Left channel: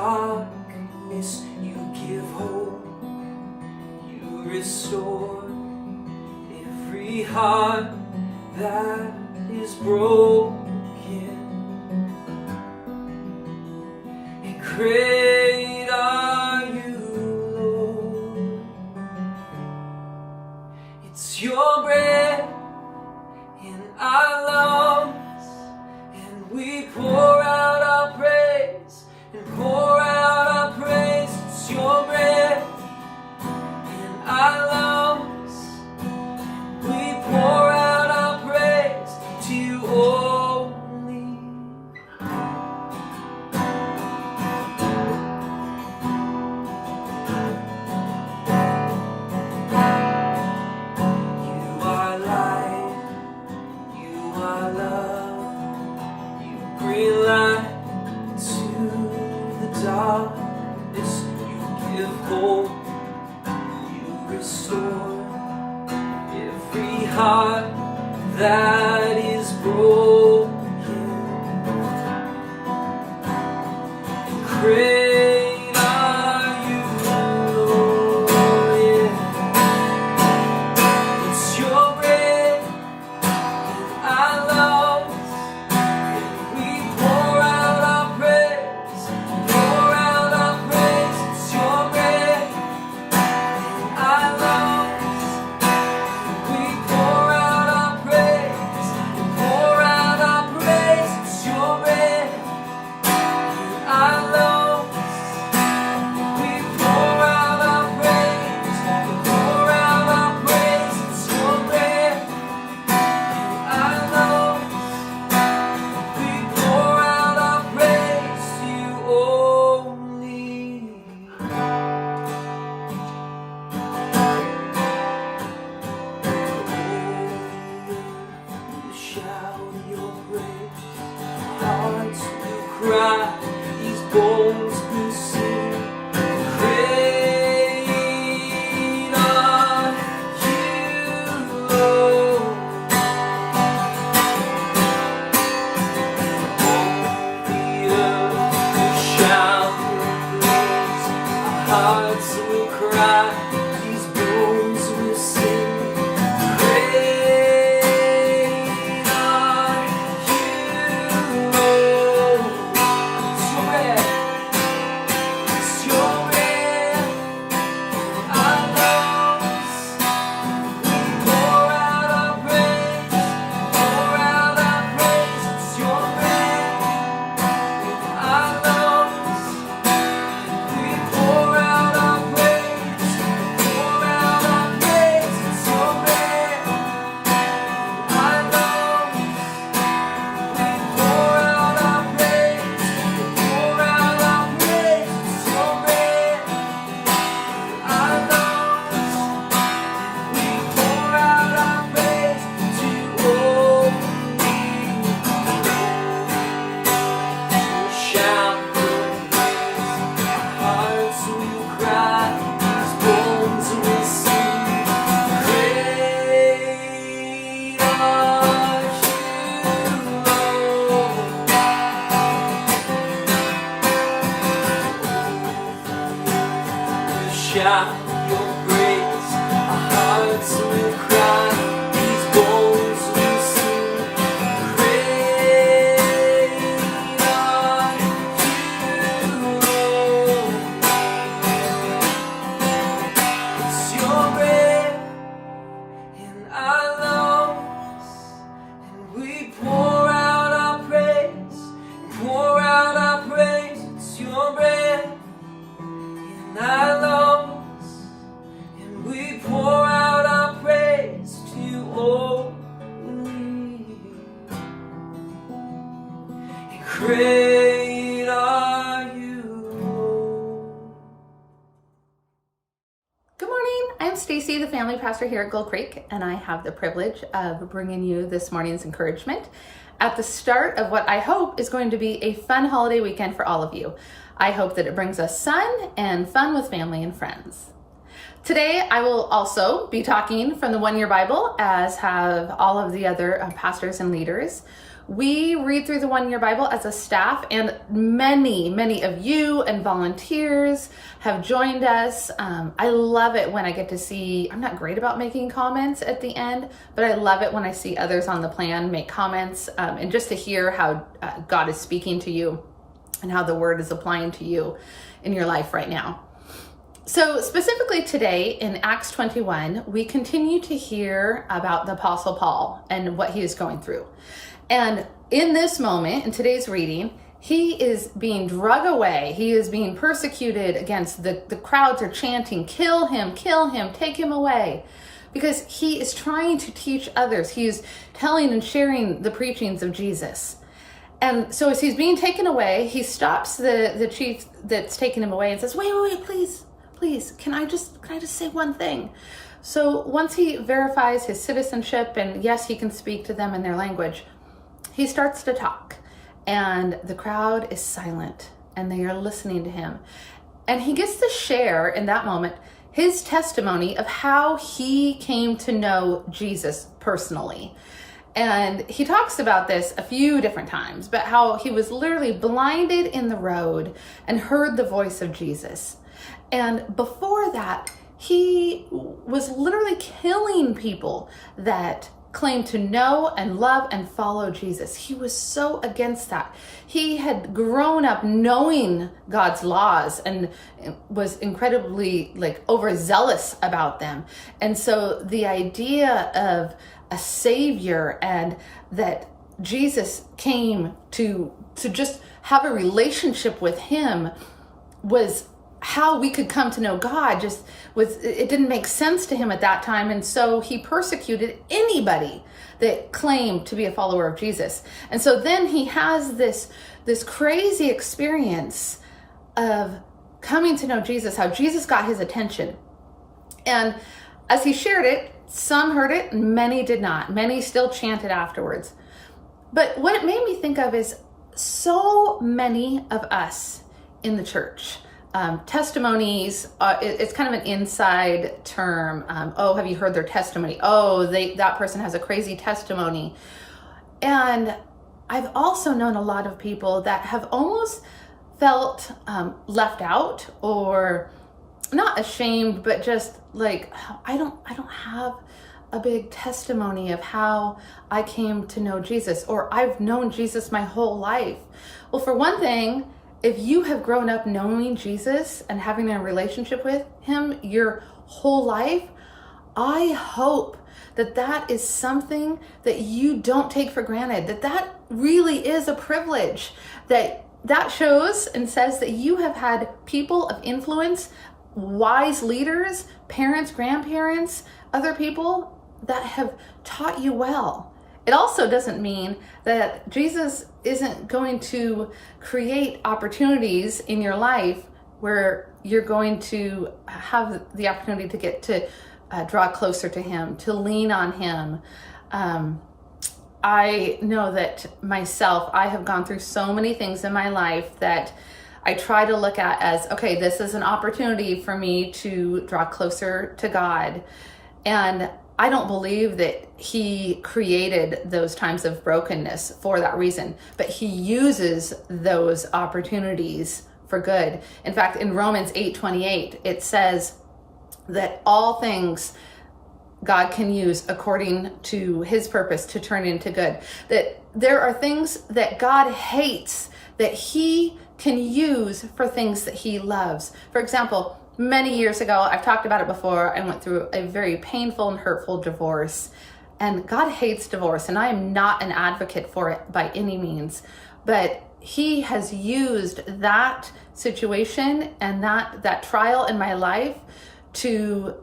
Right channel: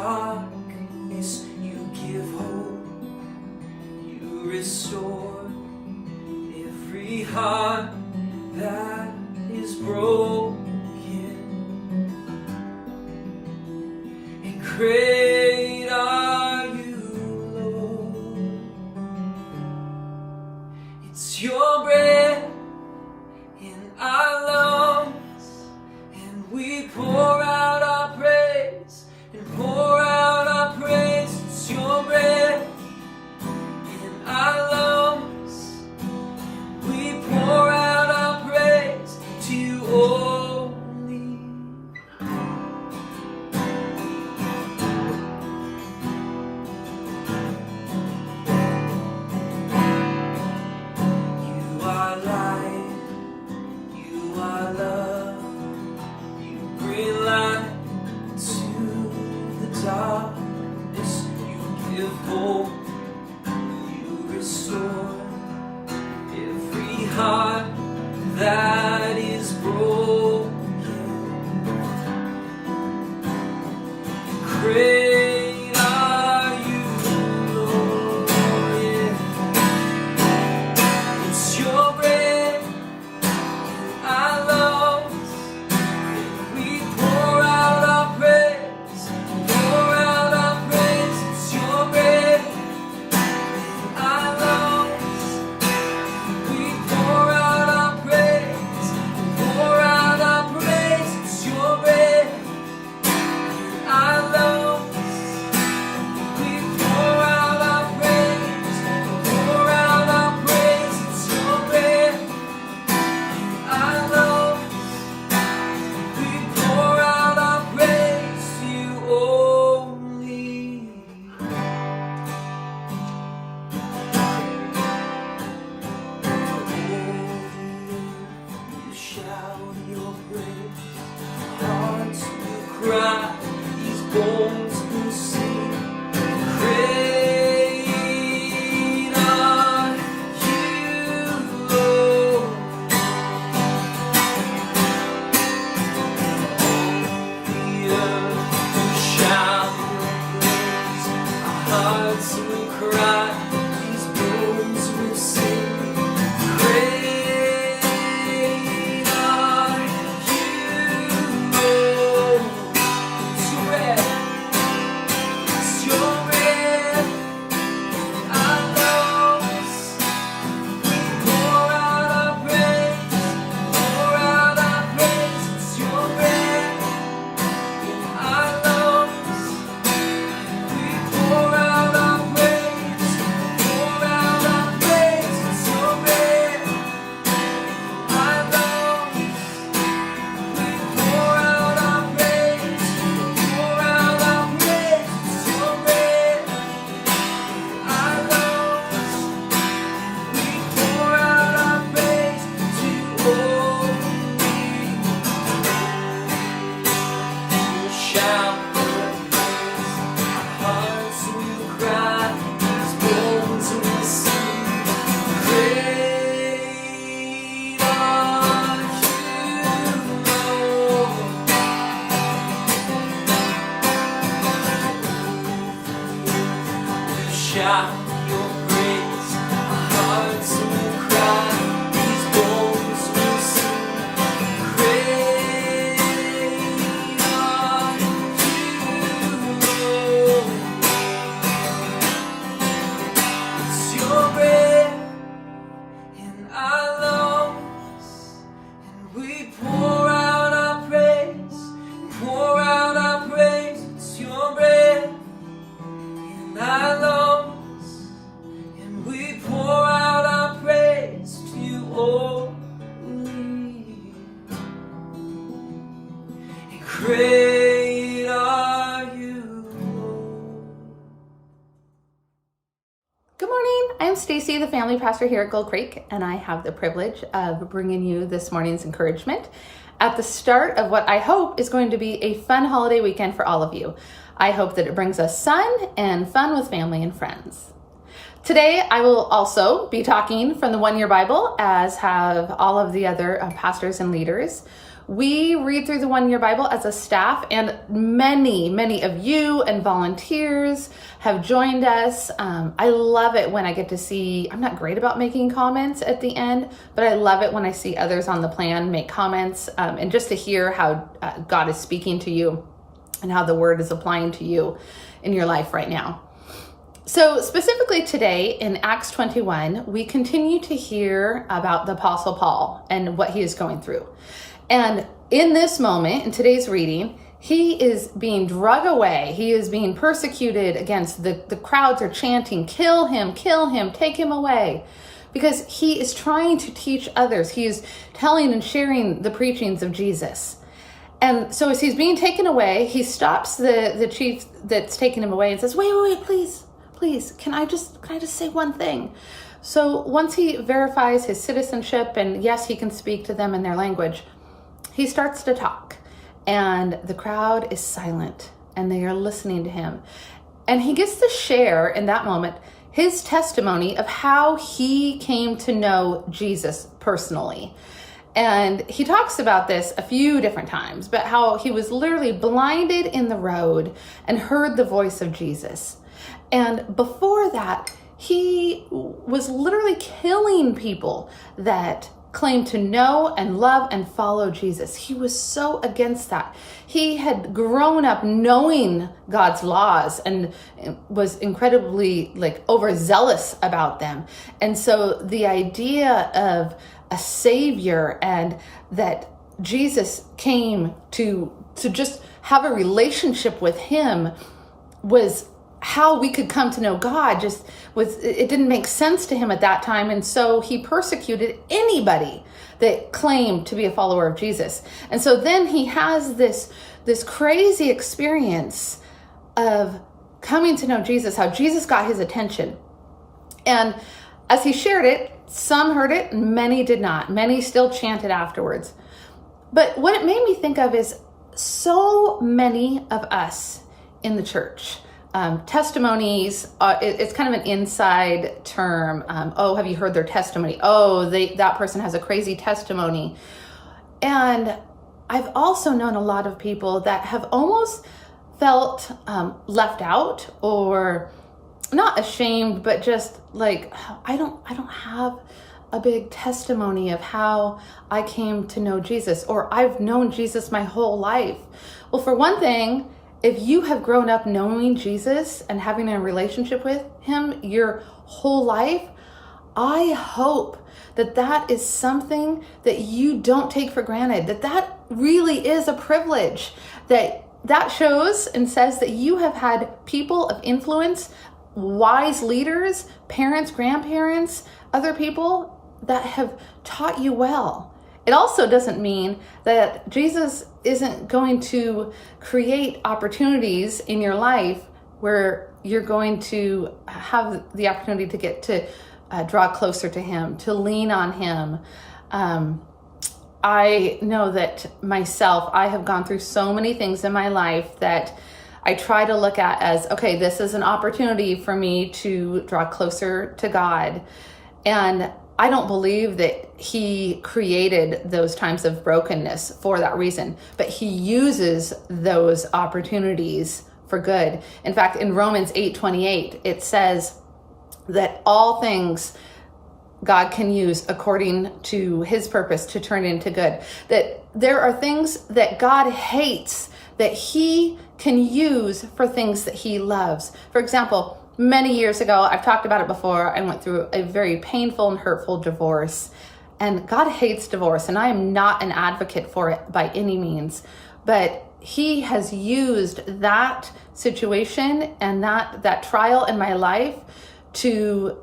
darkness, you give hope. You restore every heart that is broken. And great are you, Lord. It's your breath in our lungs, and we pour out our praise, and pour out our praise. It's your breath in our lungs, we pour out our praise to you only. You are light, you are love, you bring light to the darkness, you give hope, you restore every heart that is broken. Great are you, Lord. Yeah. It's your breath in our lungs, and we pour out our praise, pour out our praise. It's your breath in our lungs, we pour out our praise, pour out our praise. It's your breath in our lungs, we pour out our praise, pour out our praise. It's your breath in our lungs, we pour out our praise to you only. You shout your praise, hearts will cry, these bones will sing. Great are you, Lord. The earth will shout your praise, our hearts will cry, these bones will sing. Great are you, Lord. It's your breath in our lungs, we pour out our praise, pour out our praise. It's your breath in our lungs, we pour out our praise, pour out our praise. It's your breath in our lungs, we pour out our praise, pour out our praise. It's your breath in our lungs, we pour out our praise to you only. We'll shout your praise, our hearts will cry, these bones will sing. Great are you, Lord. Shout your praise, our hearts will cry, these bones will sing. Great are you, Lord. It's your breath in our lungs, and we pour out our praise, pour out our praise. It's your breath in our lungs, and we pour out our praise to you only. And great are you, Lord. Good morning. I'm Stacy, the family pastor here at Gold Creek, and I have the privilege of bringing you this morning's encouragement at the start of what I hope is going to be a fun holiday weekend for all of you. I hope that it brings us sun and fun with family and friends. Today, I will also be talking from the One Year Bible, as have all of the other pastors and leaders. We read through the One Year Bible as a staff, and many of you and volunteers have joined us. I love it when I get to see, I'm not great about making comments at the end, but I love it when I see others on the plan make comments, and just to hear how God is speaking to you and how the word is applying to you in your life right now. So specifically today in Acts 21, we continue to hear about the Apostle Paul and what he is going through. And in this moment, in today's reading, he is being drug away. He is being persecuted against. The crowds are chanting, kill him, take him away. Because he is trying to teach others. He is telling and sharing the preachings of Jesus. And so as he's being taken away, he stops the chief that's taking him away and says, wait, please, can I just say one thing? So once he verifies his citizenship, and yes, he can speak to them in their language, he starts to talk, and the crowd is silent and they are listening to him. And he gets to share in that moment his testimony of how he came to know Jesus personally. And he talks about this a few different times, but how he was literally blinded in the road and heard the voice of Jesus. And before that, he was literally killing people that claimed to know and love and follow Jesus. He was so against that. He had grown up knowing God's laws and was incredibly overzealous about them. And so the idea of a savior and that Jesus came to just have a relationship with him was how we could come to know God. It didn't make sense to him at that time. And so he persecuted anybody that claimed to be a follower of Jesus. And so then he has this crazy experience of coming to know Jesus, how Jesus got his attention. And as he shared it, some heard it, many did not. Many still chanted afterwards. But what it made me think of is so many of us in the church. Testimonies, it's kind of an inside term. Oh, have you heard their testimony? Oh, that person has a crazy testimony. And I've also known a lot of people that have almost felt left out, or not ashamed, but just like, I don't have a big testimony of how I came to know Jesus, or I've known Jesus my whole life. Well, for one thing, if you have grown up knowing Jesus and having a relationship with him your whole life, I hope that is something that you don't take for granted, that really is a privilege, that shows and says that you have had people of influence, wise leaders, parents, grandparents, other people that have taught you well. It also doesn't mean that Jesus isn't going to create opportunities in your life where you're going to have the opportunity to get to draw closer to him, to lean on him. I know that myself, I have gone through so many things in my life that I try to look at as, okay, this is an opportunity for me to draw closer to God. And I don't believe that he created those times of brokenness for that reason, but he uses those opportunities for good. In fact, in Romans 8:28, it says that all things God can use according to his purpose to turn into good. That there are things that God hates that he can use for things that he loves. For example, many years ago, I've talked about it before, I went through a very painful and hurtful divorce. And God hates divorce, and I am not an advocate for it by any means. But he has used that situation and that trial in my life to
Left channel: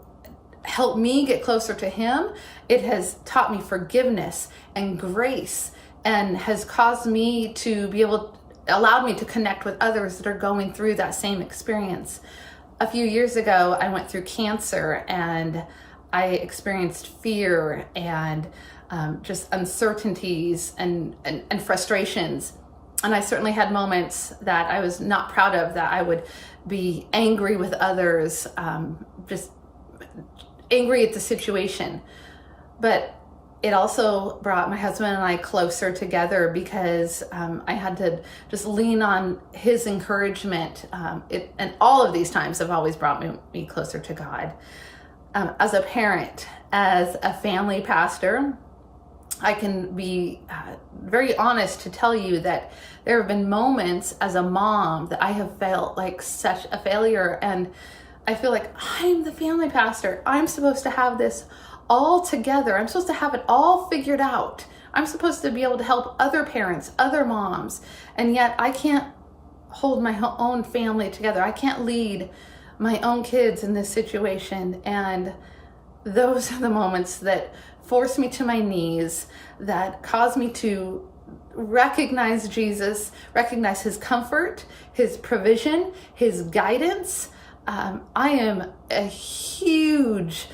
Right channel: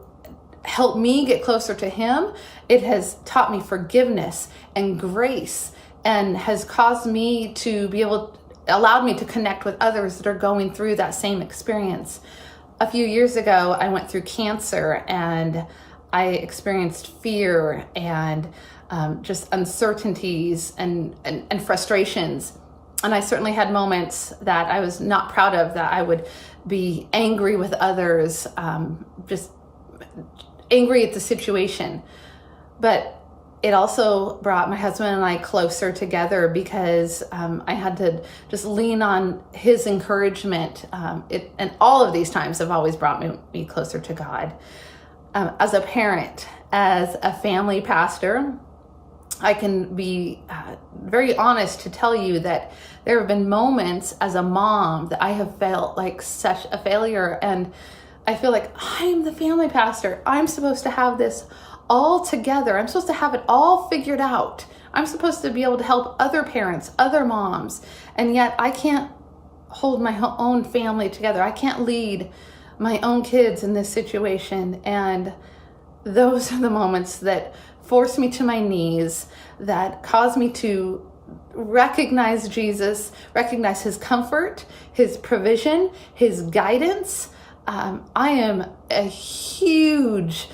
help me get closer to him. It has taught me forgiveness and grace, and has caused me to be allowed me to connect with others that are going through that same experience. A few years ago, I went through cancer, and I experienced fear and just uncertainties and frustrations. And I certainly had moments that I was not proud of, that I would be angry with others, just angry at the situation. But it also brought my husband and I closer together because I had to just lean on his encouragement. And all of these times have always brought me closer to God. As a parent, as a family pastor, I can be very honest to tell you that there have been moments as a mom that I have felt like such a failure, and I feel like I'm the family pastor. I'm supposed to have this all together. I'm supposed to have it all figured out. I'm supposed to be able to help other parents, other moms, and yet I can't hold my own family together. I can't lead my own kids in this situation. And those are the moments that force me to my knees, that cause me to recognize Jesus, recognize his comfort, his provision, his guidance. I am a huge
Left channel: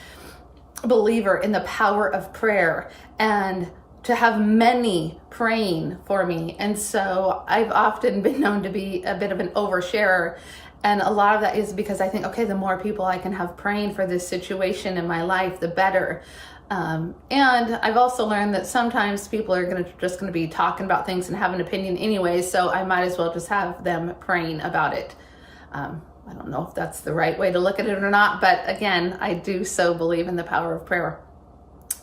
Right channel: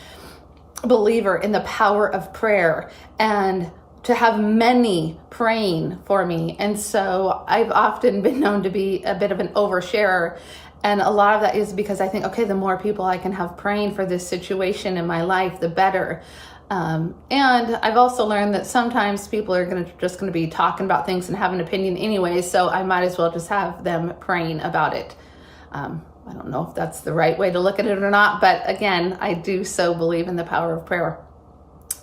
believer in the power of prayer and to have many praying for me. And so I've often been known to be a bit of an oversharer. And a lot of that is because I think, okay, the more people I can have praying for this situation in my life, the better. And I've also learned that sometimes people are just going to be talking about things and have an opinion anyway, so I might as well just have them praying about it. I don't know if that's the right way to look at it or not, but again, I do so believe in the power of prayer.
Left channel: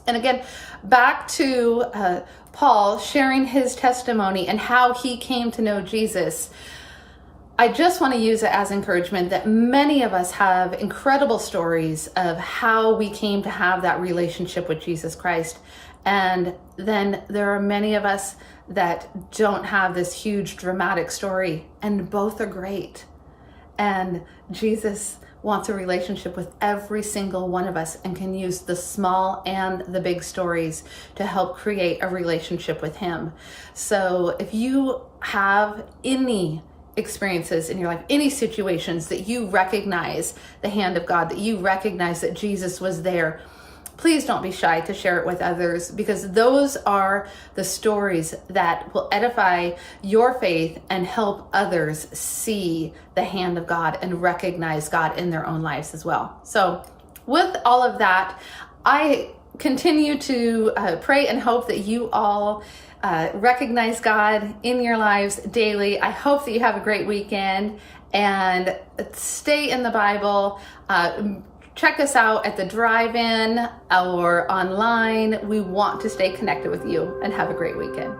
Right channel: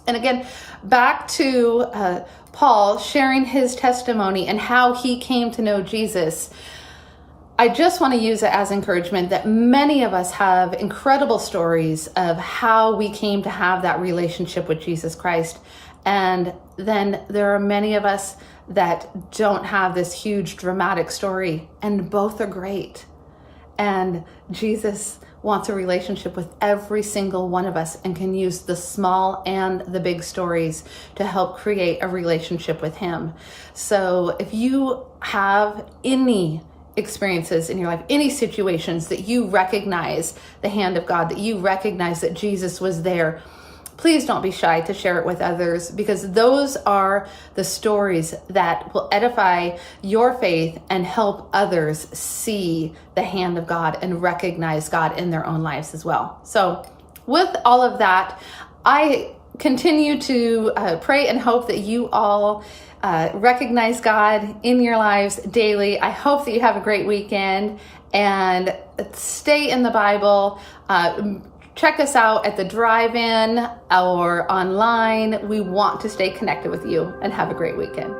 And again, back to Paul sharing his testimony and how he came to know Jesus. I just want to use it as encouragement that many of us have incredible stories of how we came to have that relationship with Jesus Christ. And then there are many of us that don't have this huge dramatic story, and both are great. And Jesus wants a relationship with every single one of us and can use the small and the big stories to help create a relationship with him. So if you have any experiences in your life, any situations that you recognize the hand of God, that you recognize that Jesus was there, please don't be shy to share it with others, because those are the stories that will edify your faith and help others see the hand of God and recognize God in their own lives as well. So with all of that, I continue to pray and hope that you all recognize God in your lives daily. I hope that you have a great weekend and stay in the Bible. Check us out at the drive-in or online. We want to stay connected with you, and have a great weekend.